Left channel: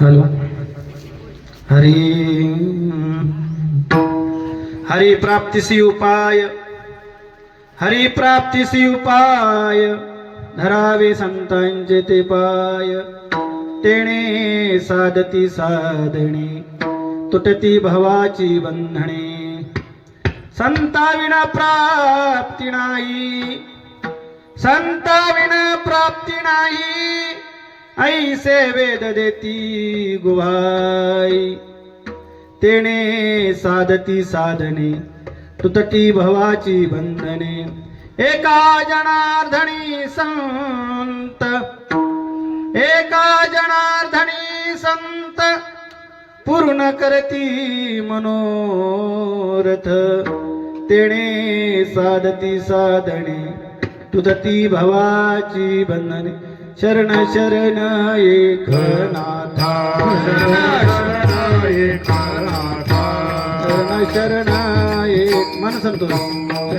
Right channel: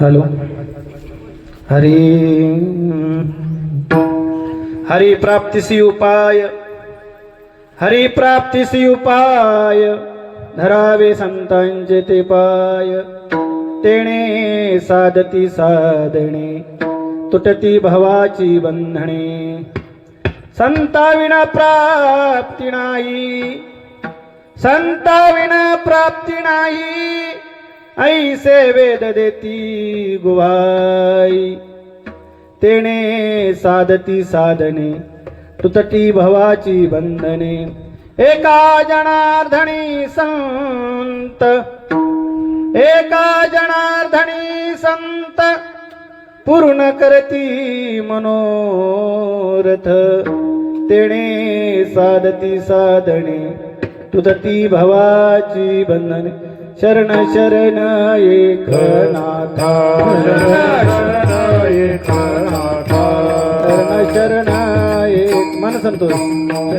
Hello. Hari Hari प्राप्तिसी उपाय, हरी प्राप्तिसी उपाय, धरावे संतांचे ते पाय. तेणे साधती साधणे, तुटती भवाची बंधने. संता विना प्राप्ती नाही, संता विना प्राप्ती नाही. ऐसे वेद देती गुहाई. तेणे साधती साधने, तुटती भवाची बंधने. एका जनार्दनी संत, एका जनार्दनी संत, पूर्ण करती मनोरथ. तेणे साधती साधने, तुटती भवाची बंधने. शरण शरण एकनाथा, शरण एकनाथा, शरण शरण एक. मन संतोष.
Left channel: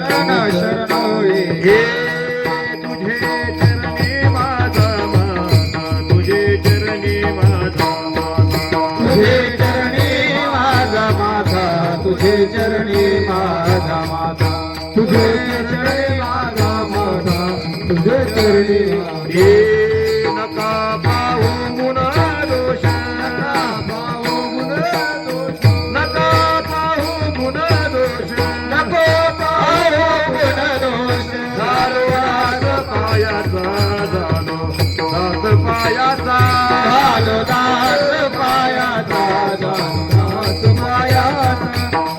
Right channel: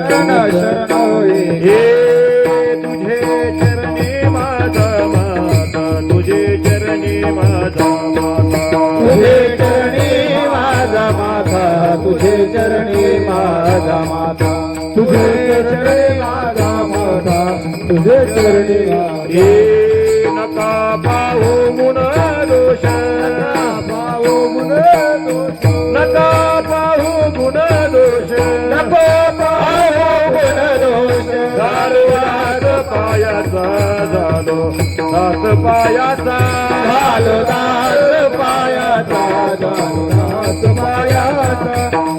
शरण शरण हे तुझे चरणी माझा माता, तुझे चरणी माझा माता, तुझे चरणी माझा माथा, तुझे चरणी माझा माथा, तुझे चरणी माझा माथा, तुझे चरणी माझा. नका पाहू गुण दोष, पाहो गुण दोष, नका पाहू गुण दोष, नको पाहो गुण दोष. झालो दास पायाचा, झालो दास पायाचा, झालो दास पायाचा, झालो दास पायाचा,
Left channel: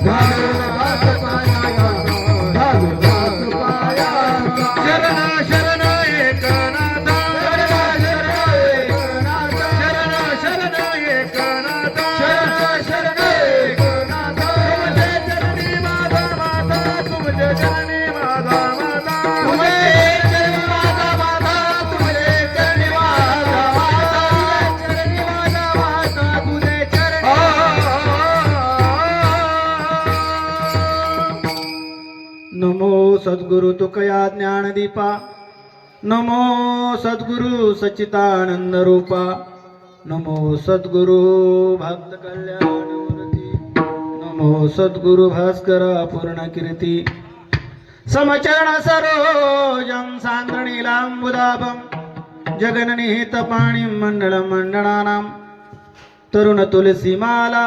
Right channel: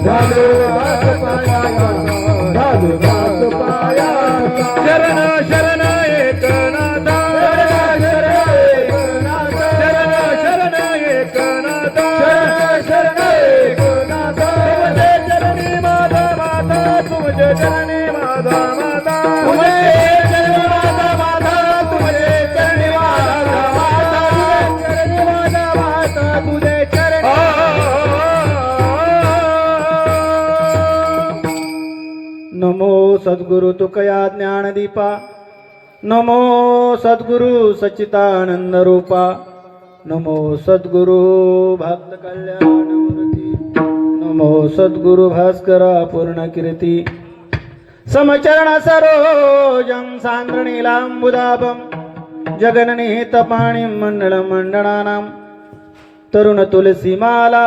झालो दास पायाचा, झालो दास पायाचा. शरण शरण एकनाथा, शरण एकनाथा, शरण शरण एकनाथा, तुझे चरणी माझा माता, तुझे चरणी माझा माता, तुझे चरणी माझा माथा, तुझे चरणी माझा माथा, तुझे चरणी माझा माथा, तुझे चरणी. नमो सद्गुरु तुकया ज्ञानदीपा, नमो सद्गुरु सच्चिदानंद रूपा, नमो सद्गुरु भक्त कल्याणमूर्ती, नमो सद्गुरु भास्करा पूर्ण कीर्ती. समचरण सरोजं सान्द्रणीलाम्बुदाभं, जगन्निहित पाणिं मण्डलं मण्डनानां. तरुण तुलसीमाला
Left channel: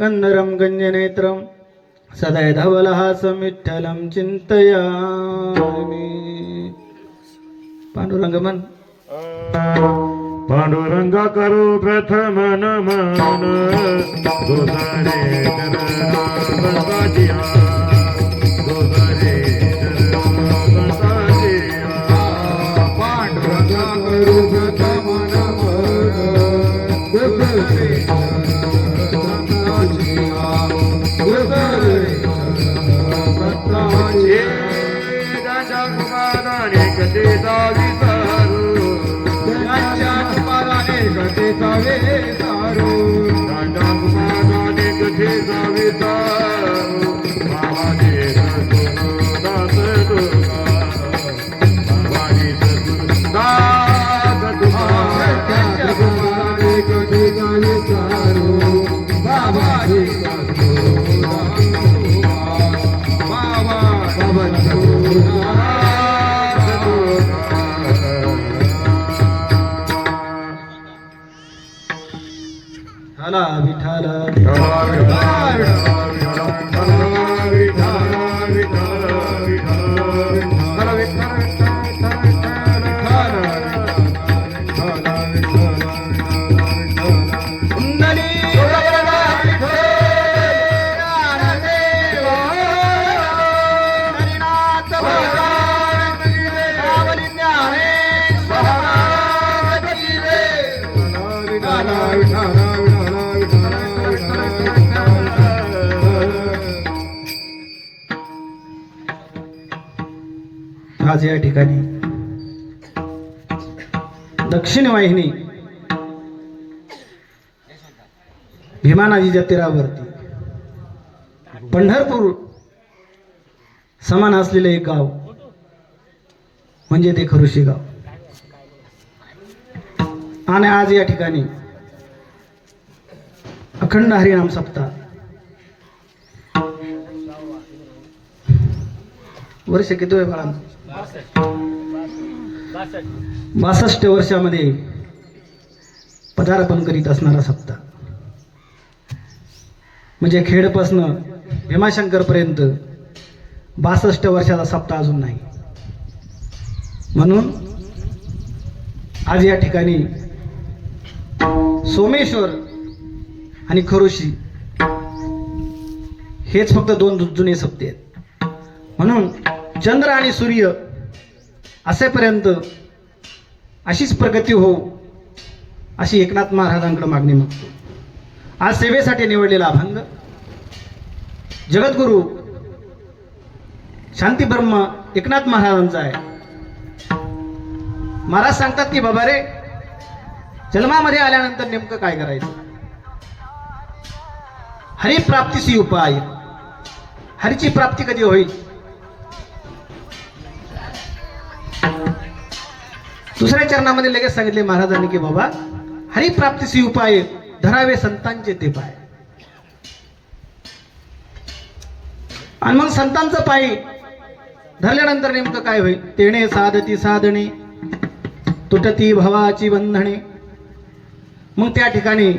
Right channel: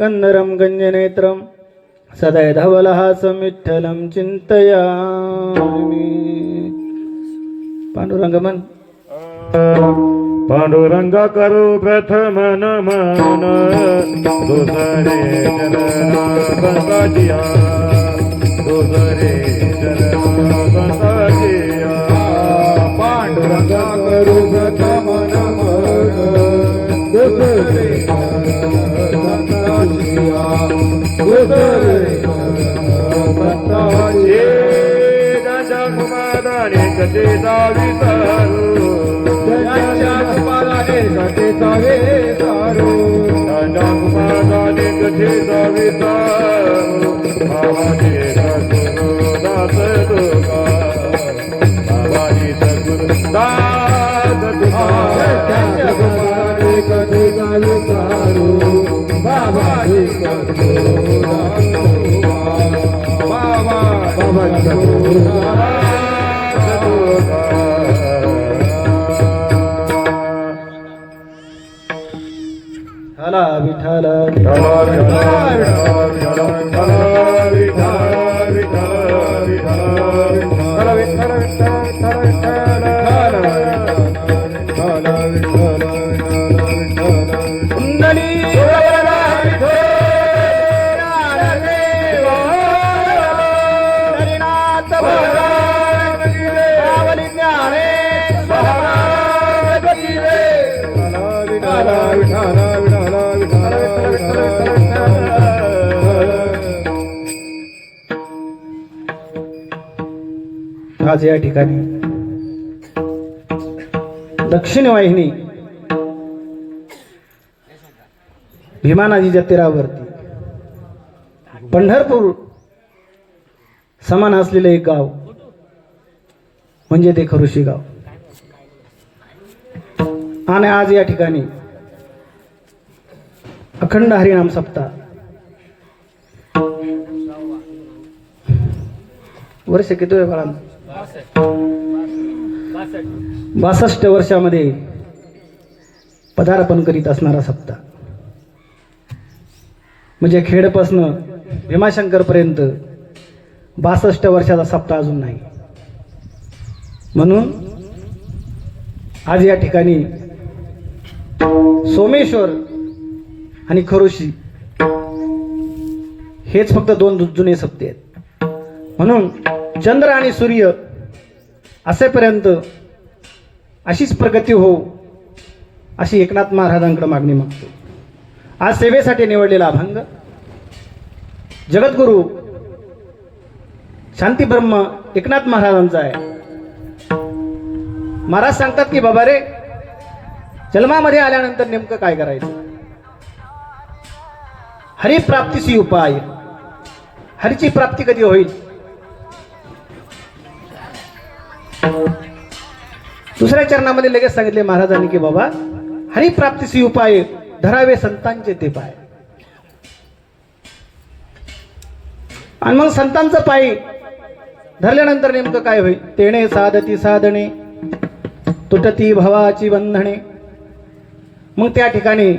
कंदरं गञ्जनेत्रं, सदैधवलहासं विठ्ठलं चिन्तयामि. पांडुरंग मन. पांडुरंगा करू प्रथम नमन, दुसरे चरण गणपतिया, दुसरे चरण गणपतिया. पांडुरंग करू प्रथम नमन, दुसरे गणपतिया, दुसरे गणपतिया. गंजा कुमाराने कसे जावितारू, कटे जावे तारू, गंजा कुमाराने कसे जावितारू. बाबाजी सद्गुरु दास तुका, बाबाजी सद्गुरु दास तुका. कटे जावे तारू, बाबाजी सद्गुरु बाबा बाबा सद्गुरु. हला विठ्ठल आज या ठिकाणी दक्षिण वाहिनी भीमा नदीच्या तीरावरती पंढरपूर समान असलेले एक गाव म्हणजे ते खरुशी गाव. आणि आज या ठिकाणी अखंड हरिनाम सप्ताह वर्ष किती आहे बाळा? 62 वर्षामध्ये पदार्पण करीत असणारा सप्ताह म्हणजे खेडपासनं भीमाशंकर पर्यंत 62 वर्षाचा सप्ताह अजून नाही. म्हणून आज या ठिकाणी सोमेश्वर आणि खरोशी हेच फक्त 2 जुने सप्ते आहेत. म्हणून चंद्र आणि सूर्य असेपर्यंत अशीच प्रगती हो अशी एकनाथ महाराजांकडे मागणी मागतो. आज सेवेसाठी निवडलेला अभंग जगद्गुरु शांती ब्रह्म एकनाथ महाराजांचा आहे. महाराज सांगतात की बाबा रे, जन्मामध्ये आल्यानंतर नेमकं काय करायचं? हरिप्राप्तीसी उपाय. हरीची प्राप्ती कधी होईल? दुसऱ्या चरणामध्ये लगेच सांगितले महाराजांनी की बाबा हरिप्राप्तीसी उपाय धरावे संतांचे ते पाय. आणि मग संतांचं पायी धरल्यानंतर नेमकं काय होईल? तेणे साधती साधणे तुटती भवाची बंधने. मग त्या ठिकाणी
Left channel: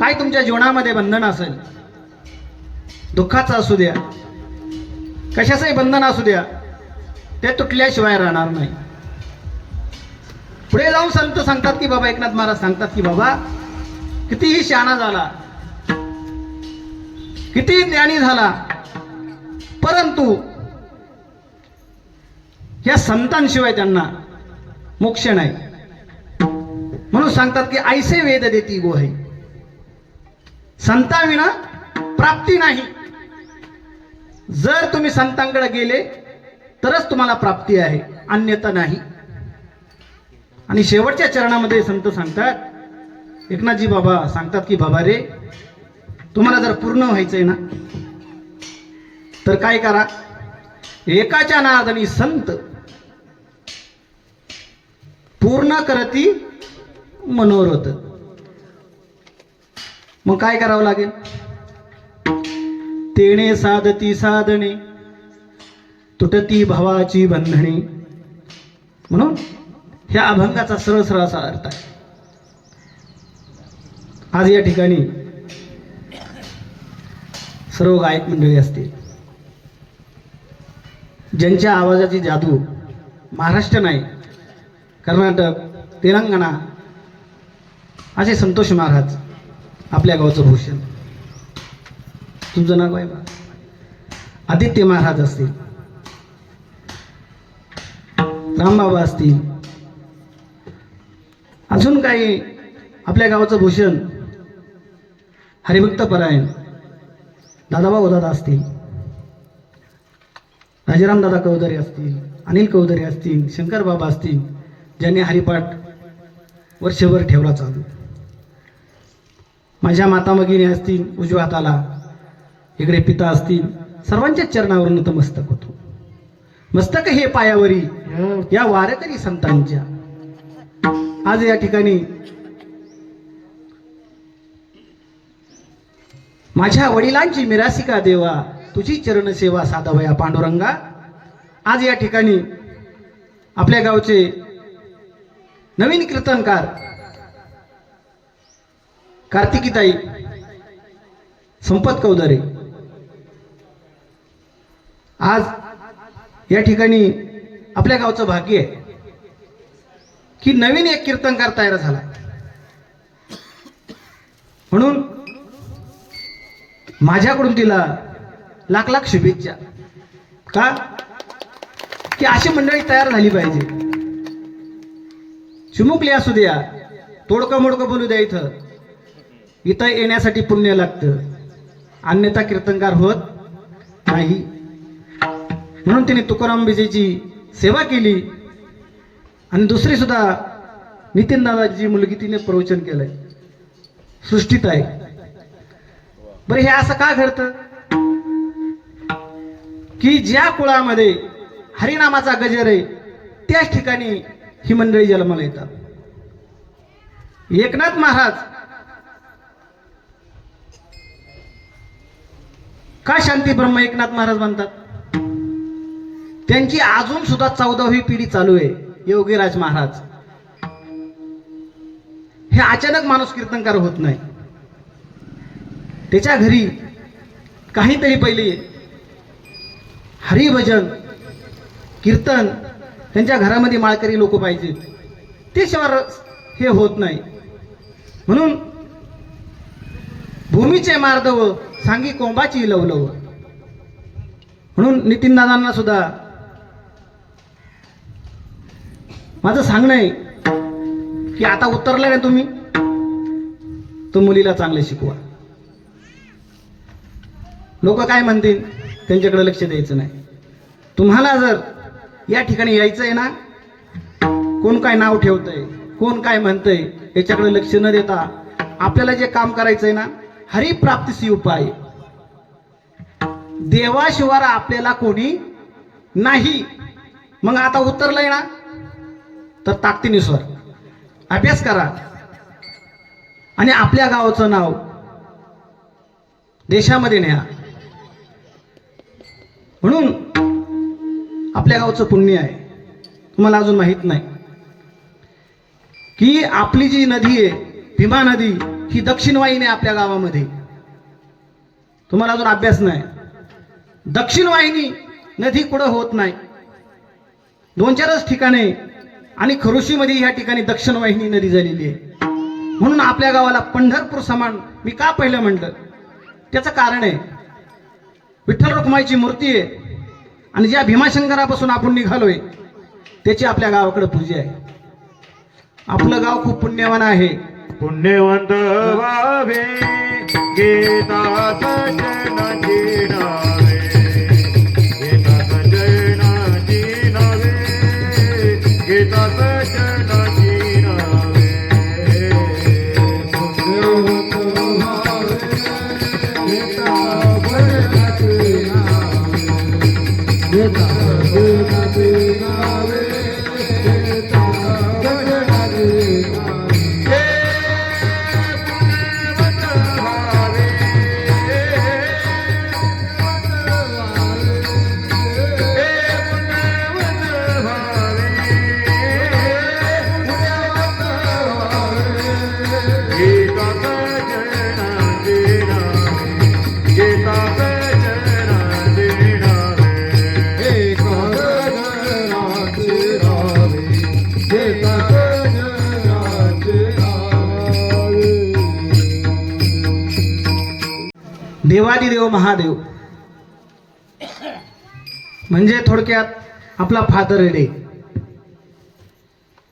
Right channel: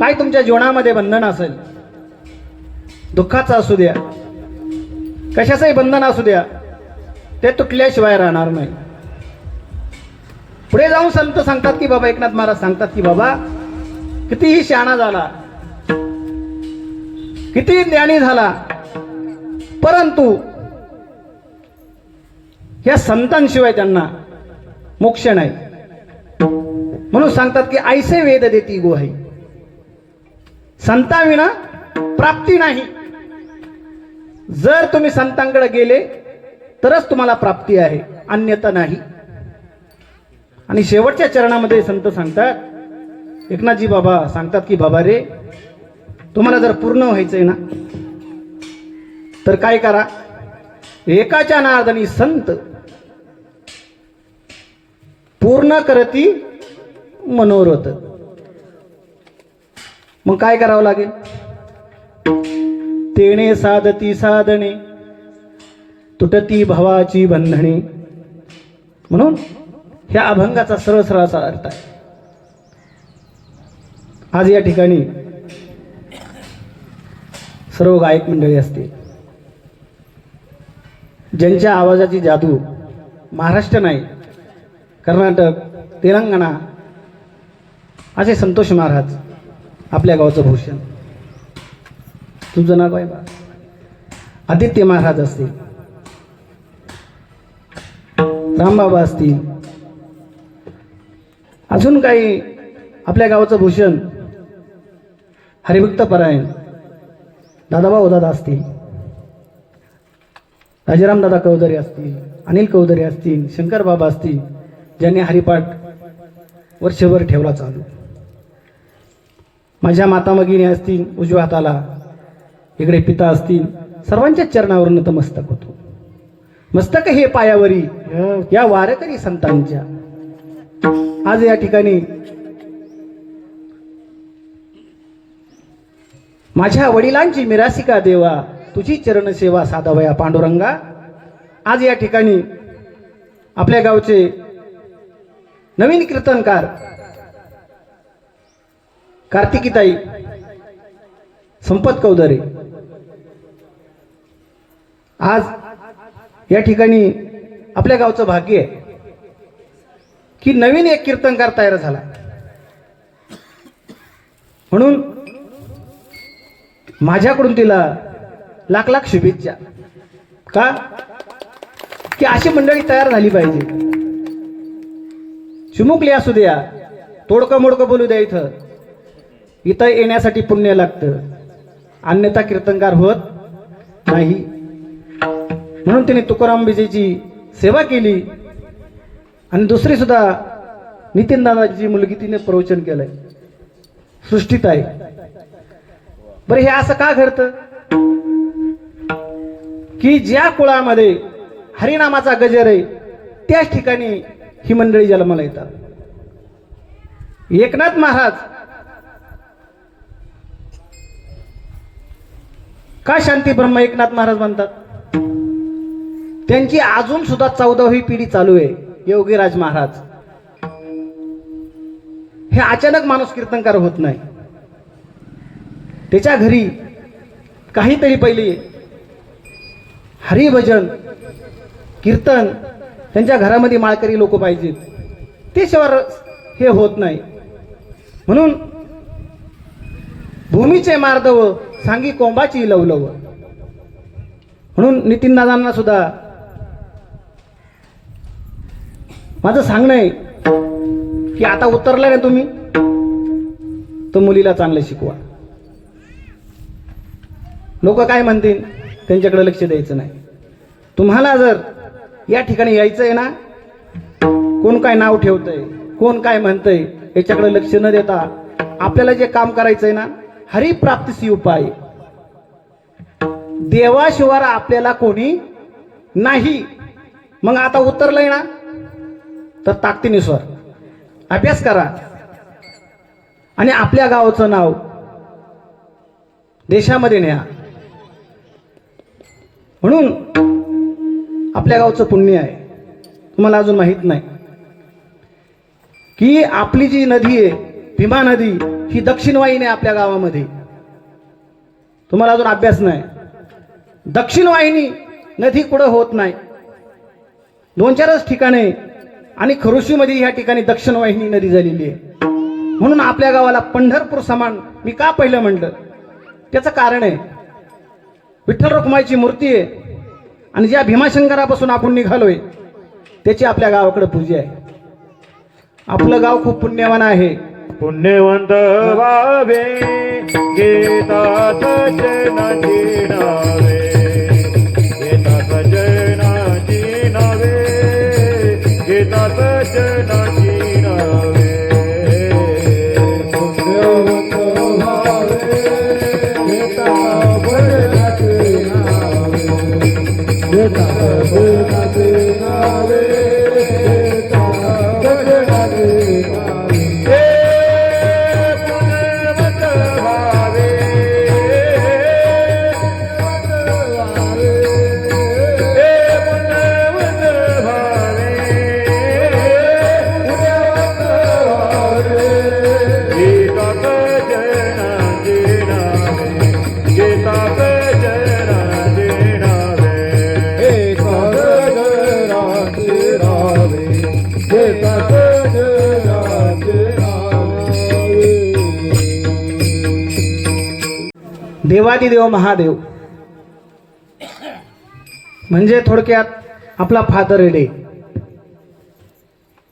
काय तुमच्या जीवनामध्ये बंधन असेल, दुःखाचं असू द्या, कशाचंही बंधन असू द्या, ते तुटल्याशिवाय राहणार नाही. पुढे जाऊन संत सांगतात की बाबा, एकनाथ महाराज सांगतात की बाबा कितीही शहाणा झाला, कितीही ज्ञानी झाला, परंतु या संतांशिवाय त्यांना मोक्ष नाही. म्हणून सांगतात की ऐसे वेद देती गोहाई. संतांविना प्राप्ती नाही. जर तुम्ही संतांकडे गेले तरच तुम्हाला प्राप्ती आहे, अन्यथा नाही. आणि शेवटच्या चरणामध्ये संत सांगतात, एकनाथजी बाबा सांगतात की बाबा रे, तुम्हाला जर पूर्ण व्हायचंय ना तर काय करा? एकाच्या नादानी संत पूर्ण करती मनोरथ. मग काय करावं लागेल? तेणे साधती साधणे तुटती भवाची बंधने. म्हणून ह्या अभंगाचा सरळ सरळ असा अर्थ आहे. आज या ठिकाणी सर्व गायक मंडळी असतील, ज्यांच्या आवाजाची जादू महाराष्ट्र नाही, कर्नाटक, तेलंगणा असे संतोष महाराज, आपल्या गावचं भूषण, तुमचं नाव आहे बा, आदित्य महाराज असतील, रामबाबा असतील, अजून काही आपल्या गावचं भूषण हरिभक्त परायण दादाभाऊ दादा असतील, राजाराम दादा कवदरे असतील, अनिल कवदरे असतील, शंकर बाबा असतील, ज्यांनी हरिपाठ वर्षभर ठेवला चालू. माझ्या मातामगिनी असतील उजव्या हाताला, इकडे पिता असतील, सर्वांच्या चरणावर नतमस्तक होतो. मस्तक हे पायावरी या वारकरी संतांच्या. आज या ठिकाणी माझ्या वडिलांची मिरासिका देवा, तुझी चरण सेवा साधावया पांडुरंगा. आज या ठिकाणी आपल्या गावचे नवीन कीर्तनकार कार्तिकीताई संपत कवदरे आज या ठिकाणी आपल्या गावचं भाग्य आहे की नवीन एक कीर्तनकार तयार झाला. म्हणून माझ्याकडून तिला लाख लाख शुभेच्छा. का की अशी मंडळी तयार झाली पाहिजे. चिमुकली असू द्या, तोडकं मोडकं बोलू द्या, इथं येण्यासाठी पुण्य लागतं, अन्यथा कीर्तनकार होत नाही. म्हणून तिने तुकाराम विजेची सेवा केली. आणि दुसरी सुद्धा नितीन दादाची मुलगी तिने प्रवचन केलंय, सृष्टीत आहे. बरं, हे असं का घडतं की ज्या कुळामध्ये हरिनामाचा गजर आहे त्याच ठिकाणी ही मंडळी जन्माला येतात. एकनाथ महाराज का शांती ब्रह्म एकनाथ महाराज म्हणतात? त्यांची अजून सुद्धा 14वी पिढी चालू आहे, योगीराज महाराज. हे अचानक माणूस कीर्तनकार होत नाही. त्याच्या घरी काहीतरी पहिले हरिभजन कीर्तन, त्यांच्या घरामध्ये माळकरी लोक पाहिजेत, ते शिवाय हे होत नाही. म्हणून भूमीचे मार्दव सांगी कोंबाची लवलव. म्हणून नितीन दादांना सुद्धा माझं सांगणं आहे की आता उतरलं ना तुम्ही, तर मुलीला चांगलं शिकवा. लोक काय म्हणतील त्यांच्याकडे लक्ष द्यायचं नाही. तुम्हाला जर या ठिकाणी यायचं आहे ना, कोण काय नाव ठेवतंय, कोण काय म्हणतंय, याच्याकडे लक्ष न देता आपल्याला जे काम करायचंय ना, हरिप्राप्तीसी उपाय. देवाशिवाय आपल्याला कोणी नाही. मग आता उतरलंय ना, तर ताकदीने स्वर अभ्यास करा आणि आपल्या गावाचं नाव देशामध्ये न्या. म्हणून आपल्या गावचं पुण्य आहे. तुम्हाला अजून माहित नाही की आपली जी नदी आहे, भीमा नदी, ही दक्षिण वाहिनी आहे आपल्या गावामध्ये. तुम्हाला अजून अभ्यास नाही. दक्षिण वाहिनी नदी कुठं होत नाही, 2-4च ठिकाणे, आणि खरुशीमध्ये या ठिकाणी दक्षिण वाहिनी नदी झालेली आहे. म्हणून आपल्या गावाला पंढरपूर समान मी का पहिलं म्हटलं, त्याचं कारण आहे विठ्ठल रखुमाईची मूर्ती आहे, आणि ज्या भीमाशंकरापासून आपण निघालोय त्याची आपल्या गावाकडे पूजा आहे. आपलं गाव खूप पुण्यवान आहे. पुण्यवंत व्हावे गीताचे जनाचे नावे, गीताचे जनाचे नावे, गीताचे जनाचे नावे. पुण्यवंत व्हावे गीताचे जनाचे नावे, गीताचे जनाचे नावे, देवादिदेव महादेव म्हणजे थोडक्यात आपला फादर डे.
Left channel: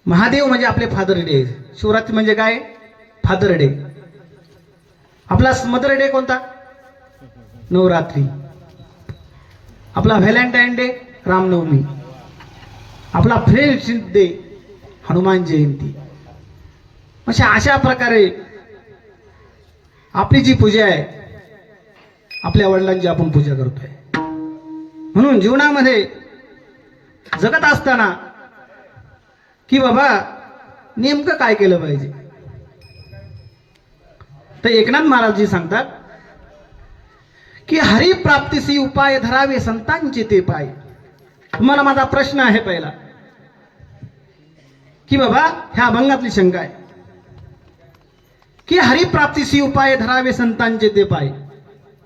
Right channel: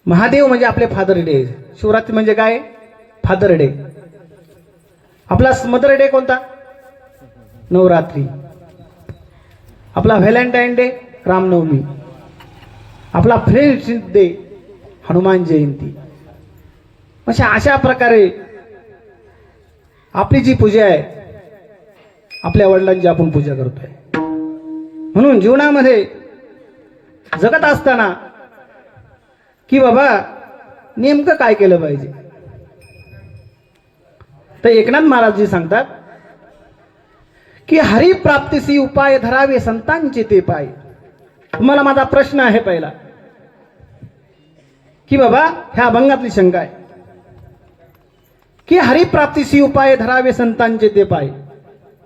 महादेव म्हणजे आपले फादर डे. शिवरात्री म्हणजे काय? Father day. आपला मदर डे कोणता? नवरात्री. आपला व्हॅलेंटाईन डे रामनवमी. आपला फ्रेंडशिप डे हनुमान जयंती. अशा प्रकारे आपली जी पूजा आहे, आपल्या वडिलांची आपण पूजा करतोय. म्हणून जीवनामध्ये जगत असताना की बाबा नेमकं काय केलं पाहिजे, तर एकनाथ महाराजजी सांगतात की हरिप्राप्तीसी उपाय धरावे संतांचे ते पाय. तुम्हाला माझा प्रश्न आहे पहिला की बाबा ह्या अभंगातली शंका आहे की हरिप्राप्तीसी उपाय धरावे संतांचे ते पाय.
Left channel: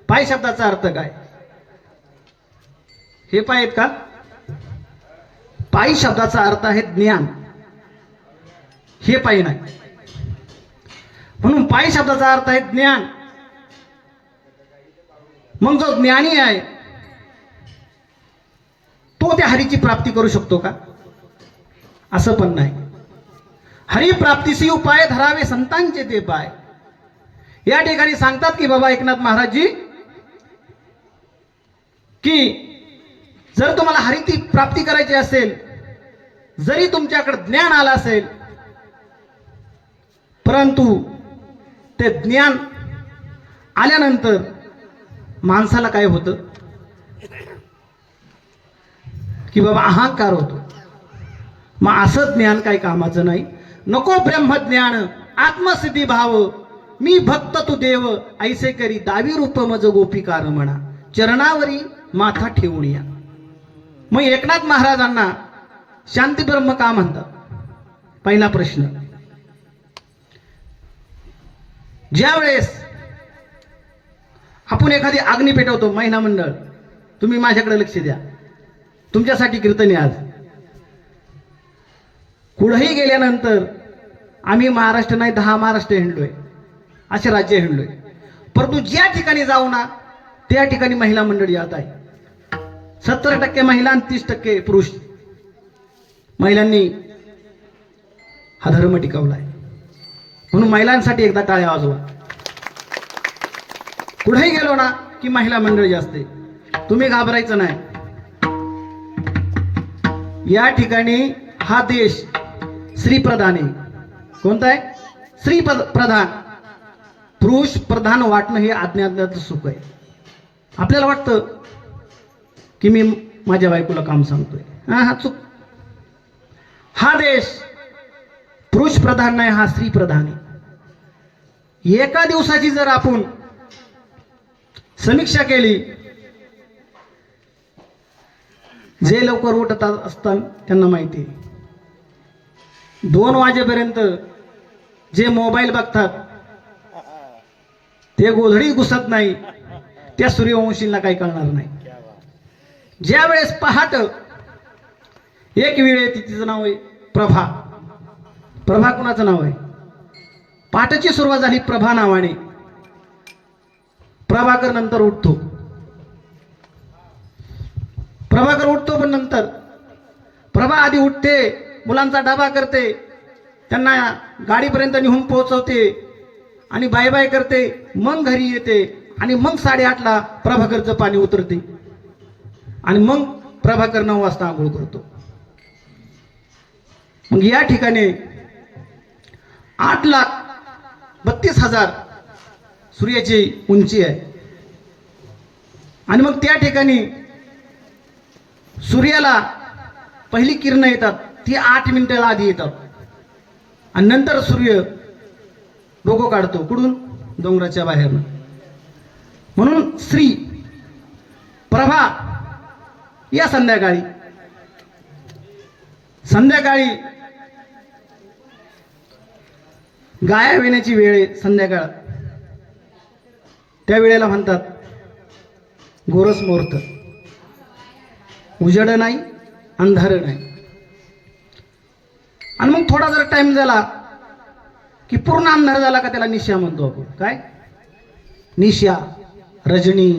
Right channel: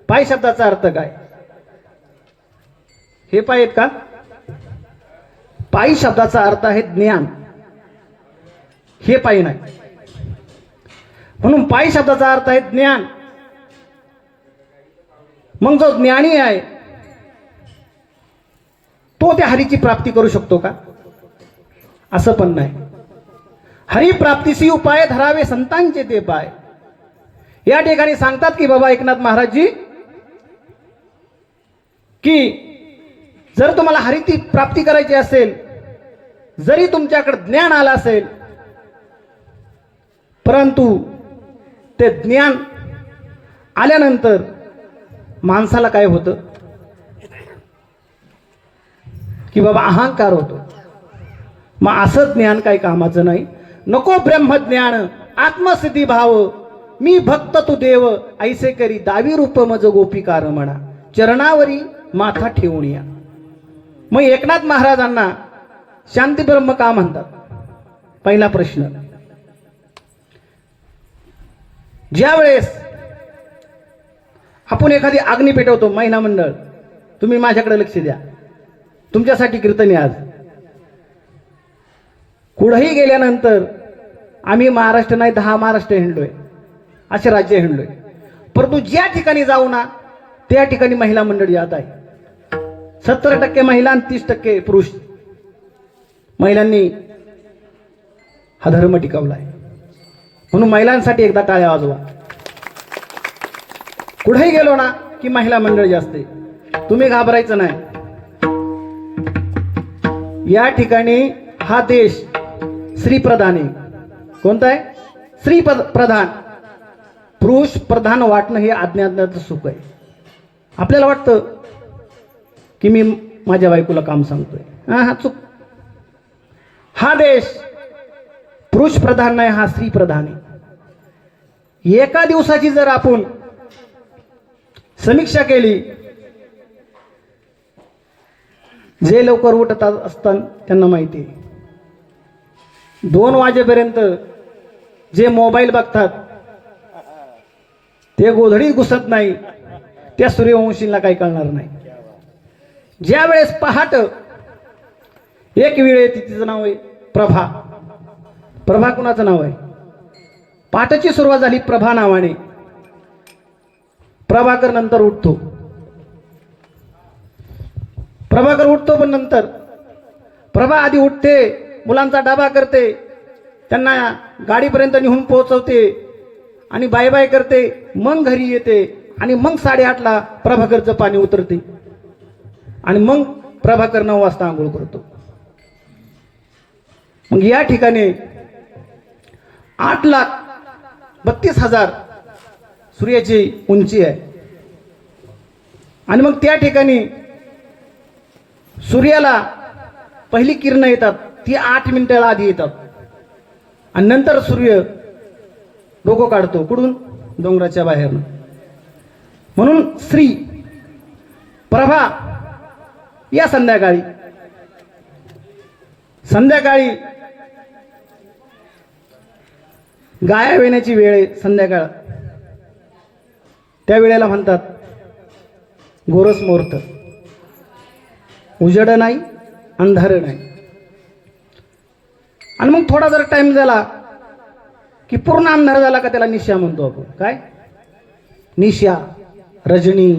पाय शब्दाचा अर्थ काय? हे पाय आहेत का? पायी शब्दाचा अर्थ आहे ज्ञान. हे पायी नाही. म्हणून पायी शब्दाचा अर्थ आहे ज्ञान. मग जो ज्ञानी आहे तो त्या हरीची प्राप्ती करू शकतो का? असं पण नाही. हरिप्राप्तीसी उपाय धरावे संतांचे ते पाय. या ठिकाणी सांगतात की बाबा एकनाथ महाराजजी की जर तुम्हाला हरिची प्राप्ती करायची असेल, जरी तुमच्याकडे ज्ञान आलं असेल, परंतु ते ज्ञान आल्यानंतर माणसाला काय होतं की बाबा अहंकार होतो. मग असं ज्ञान काही कामाचं नाही. नको ब्रह्मज्ञान आत्मसिद्धी भाव, मी भक्त तू देव ऐसे करी दावी रूप मज गोपिकार म्हणा. चरणावरी माथा ठेवून या. मग एकनाथ महाराजांना शांती ब्रह्म का म्हणतात? पहिला प्रश्न. ज्या वेळेस आपण एखादी अग्नी पेटवतो, महिला मंडळ तुम्ही माझ्याकडे लक्ष द्या, तुमच्यासाठी कीर्तन आहे आज. कुठेही गेल्यानंतर आम्ही महाराष्ट्र नाही 10 महाराष्ट्र हिंडलोय, असे राज्य हिंडलोय, परंतु ज्या ठिकाणी जाऊ ना त्या ठिकाणी महिला मंडळ यात आहे. 70% महिला आणि 30% पुरुष. महिलांनी हा धर्म टिकवलाय, म्हणून महिलांसाठी एकदा टाळ्या वाजवा. कुठेही गेलो ना की महिला मंडळ जास्त आहे, तुम्ही घाबरायचं नाही. या ठिकाणी हा देश स्त्री प्रधान आहे. कोणता आहे? स्त्री प्रधान. पुरुष प्रधान वाटणं हे अज्ञानाचं सुख आहे. आपल्याला वाटतं की मी माझ्या बायकोला काम सांगतोय, हा चूक. हा देश पुरुष प्रधान नाही, हा स्त्री प्रधान आहे. एका दिवसाची जर आपण समीक्षा केली, जे लवकर उठत असतात त्यांना माहिती आहे, 2 वाजेपर्यंत जे मोबाईल बघतात ते गोधडी घुसत नाही, त्या सूर्यवंशींना काही कळणार नाही. ज्या वेळेस पहाट एक वेळ येते, तिचं नाव आहे प्रभा. प्रभा कुणाचं नाव आहे? पहाटाची सुरुवात झाली प्रभा नावाने. प्रभाकर नंतर उठतो, प्रभाकर उठतो, पण नंतर प्रभा आधी उठते, मुलांचा डबा करते, त्यांना गाडीपर्यंत नेऊन पोहोचवते आणि बाय बाय करते, मग घरी येते आणि मग 8:30ला प्रभाकरचं पाणी उतरते आणि मग प्रभाकर 9 वाजता आंघोळ करतो. मग या ठिकाणी 8,32,000 सूर्याची उंची आहे. आणि मग त्या ठिकाणी सूर्याला पहिली किरण येतात, ती 8 मिनिटाला आधी येतात आणि नंतर सूर्य डोकं काढतो. कुठून? डोंगराच्या बाहेर. म्हणून श्री प्रभा या संध्याकाळी गाया वेण्याची वेळ आहे. संध्याकाळ त्या वेळेला म्हणतात गोरस मुहूर्त. उजेड नाही, अंधार नाही. आणि मग थोडा जर टाइम झाला की पूर्ण अंधार झाला का त्याला निशा म्हणतो आपण. काय? निशा, रजनी.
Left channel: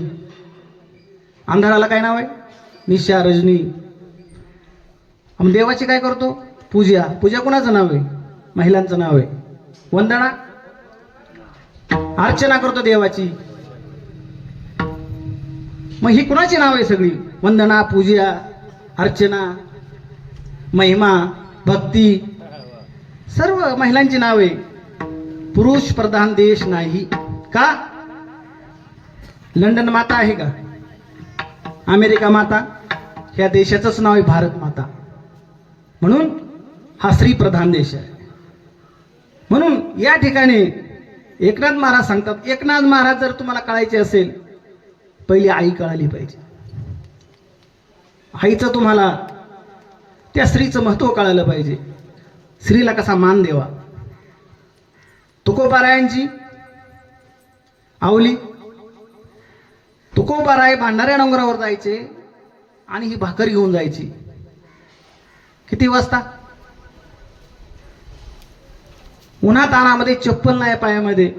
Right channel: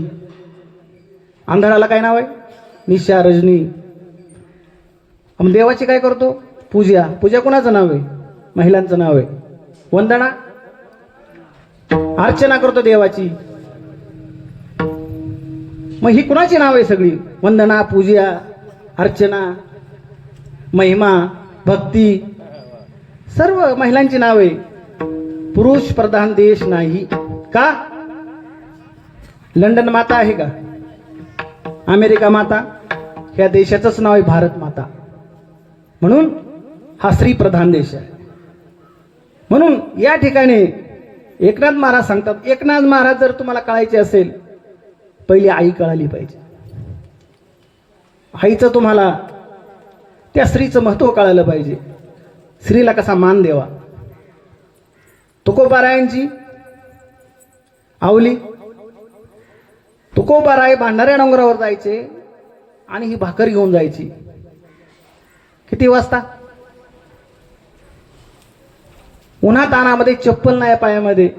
अंधाराला काय नाव आहे? निशा, रजनी. मग देवाची काय करतो? पूजा. पूजा कोणाचं नाव आहे? महिलांचं नाव आहे. वंदना, अर्चना करतो देवाची. मग ही कुणाची नाव आहे सगळी? वंदना, पूजा, अर्चना, महिमा, भक्ती, सर्व महिलांची नाव आहे. पुरुष प्रधान देश नाही का? लंडन माता आहे का? अमेरिका माता? ह्या देशाचंच नाव आहे भारत माता. म्हणून हा स्त्री प्रधान देश आहे. म्हणून या ठिकाणी एकनाथ महाराज सांगतात, एकनाथ महाराज जर तुम्हाला कळायचे असेल, पहिली आई कळाली पाहिजे. आईचं तुम्हाला त्या स्त्रीचं महत्व कळालं पाहिजे. स्त्रीला कसा मान द्यावा. तुकोबारायांची आवली. तुकोबाराय भांडाऱ्या डोंगरावर जायचे आणि ही भाकर घेऊन जायची. किती वाजता? उन्हातानामध्ये, चप्पल नाही पायामध्ये.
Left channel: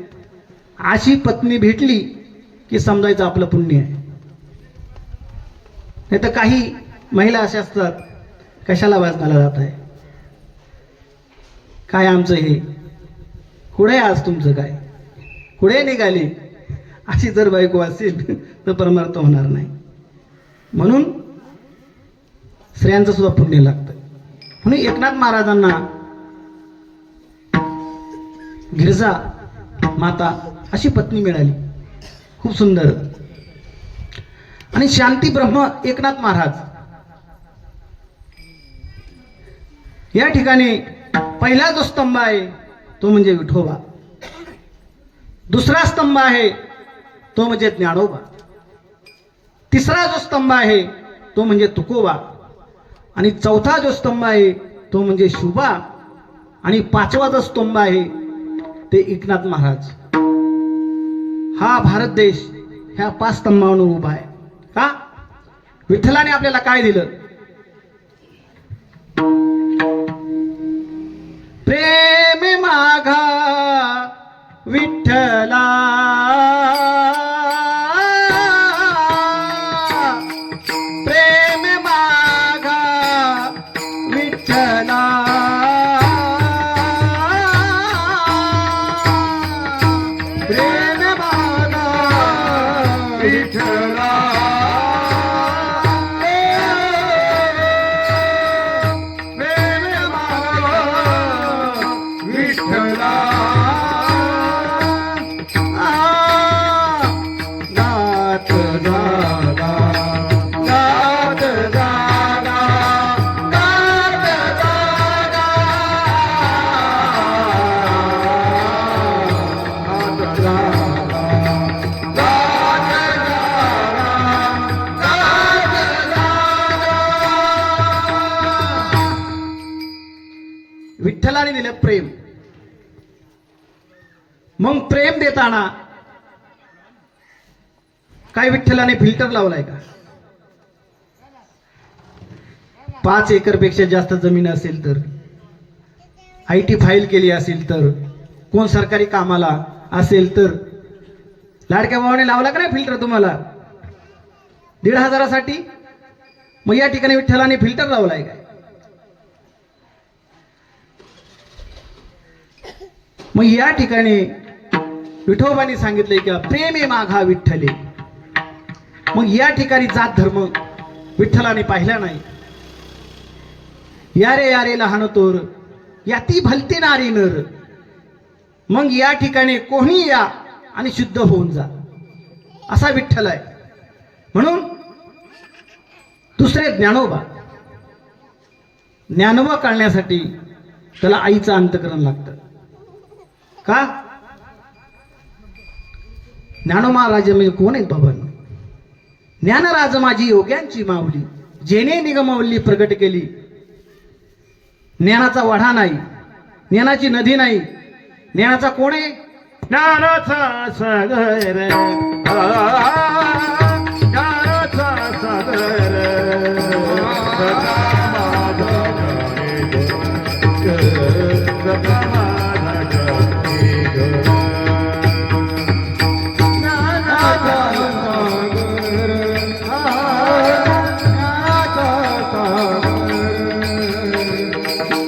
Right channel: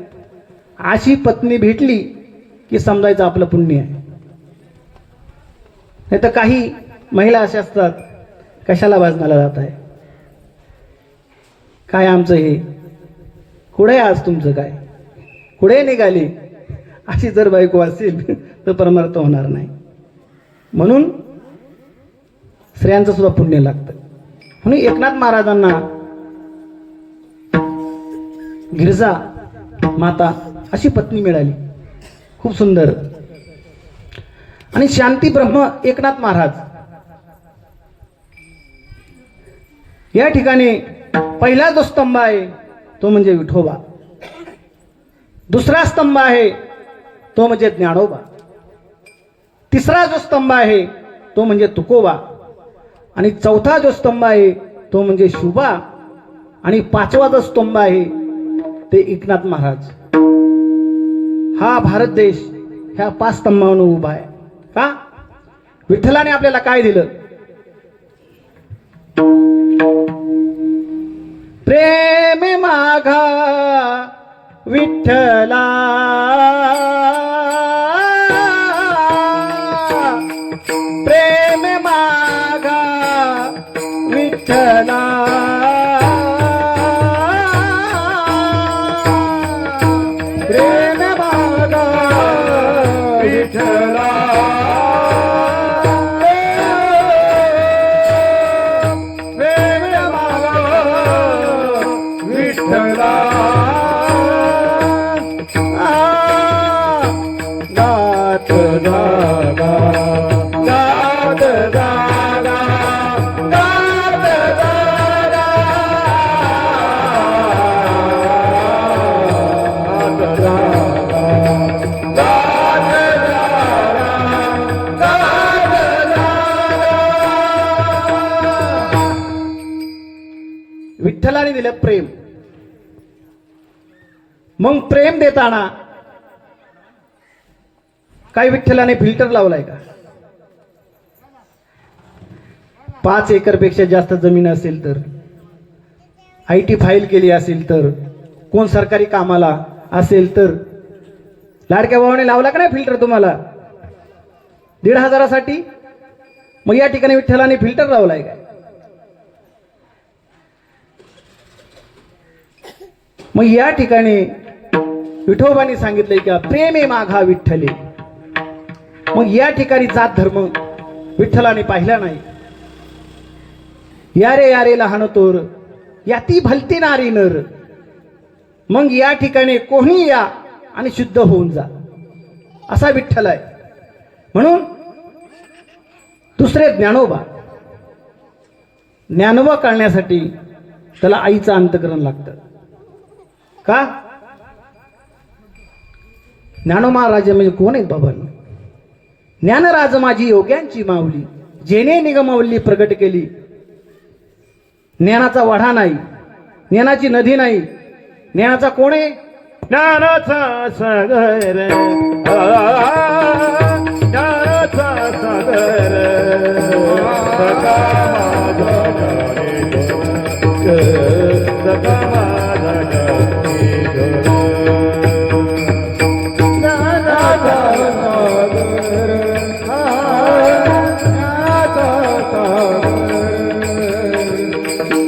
अशी पत्नी भेटली की समजायचं आपलं पुण्य आहे. नाही तर काही महिला अशा असतात, कशाला वाजनाला जात आहे, काय आमचं हे, कुठे आज तुमचं काय, कुठे निघाली, अशी जर बायको असेल तर परमार्थ होणार नाही. म्हणून स्त्रियांचं सुद्धा पुण्य लागतं. म्हणून एकनाथ महाराजांना गिरजा माता अशी पत्नी मिळाली, खूप सुंदर. आणि शांती ब्रह्म एकनाथ महाराज या ठिकाणी पहिला जो स्तंभ आहे तो म्हणजे विठोबा. दुसरा स्तंभ आहे तो म्हणजे ज्ञानोबा. तिसरा जो स्तंभ आहे तो म्हणजे तुकोबा, आणि चौथा जो स्तंभ आहे तो म्हणजे शुभा, आणि पाचवा जो स्तंभ आहे ते एकनाथ महाराज. हा भारत देश ह्या 5 स्तंभावर उभा आहे. का? विठ्ठलाने आपल्याला काय दिलं? प्रेम माघा विठ्ठला, प्रेम माघा विठ्ठला, प्रेम माघा विठ्ठला विठ्ठला गात जागा, गात जागा, गात जागा, गात जागा. विठ्ठलाने दिलं प्रेम. मग प्रेम देताना काय विठ्ठलाने फिल्टर लावलाय का? 5 एकरपेक्षा जास्त जमीन असेल तर, IT फाईल केली असेल तर, कोण सरकारी कामाला असेल तर, लाडक्या भावाने लावला का नाही फिल्टर तुम्हाला 1,500साठी? मग या ठिकाणी विठ्ठलाने फिल्टर लावलाय का? मग या ठिकाणी विठोबाने सांगितलंय का प्रेमे माघा विठ्ठले. मग या ठिकाणी जात धर्म विठ्ठलाने पाहिला नाही. यारे यारे लहान तोर याती भलते नारी नर. मग या ठिकाणी कोणी या आणि शुद्ध होऊन जा, असा विठ्ठल आहे. म्हणून दुसरे ज्ञानोबा. ज्ञानोबा कळण्यासाठी त्याला आईचं अंतकरण लागतं. का? ज्ञानोबा म्हणजे कोण आहेत बाबा? ज्ञानराज माझी योग्यांची माऊली, जेने निगमवल्ली प्रगट केली. ज्ञानाचा वढा नाही, ज्ञानाची नदी नाही. ज्ञानाचा कोण आहे? ज्ञानाचा सागर, ज्ञानाचा सागर, सखा माझा जाणे ग, सखा माझा जाणे ग.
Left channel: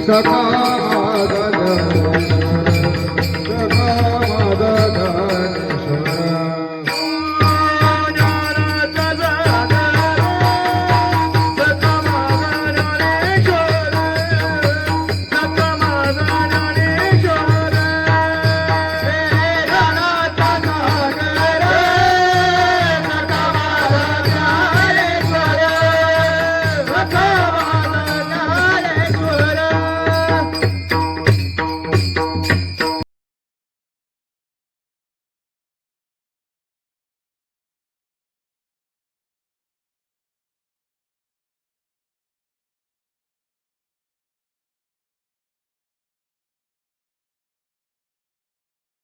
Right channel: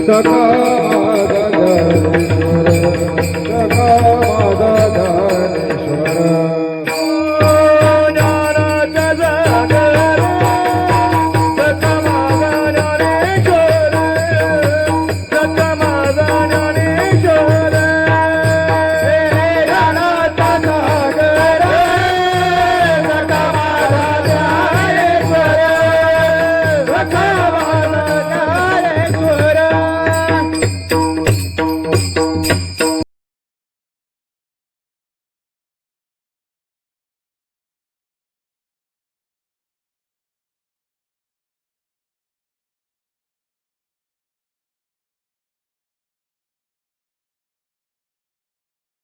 सखा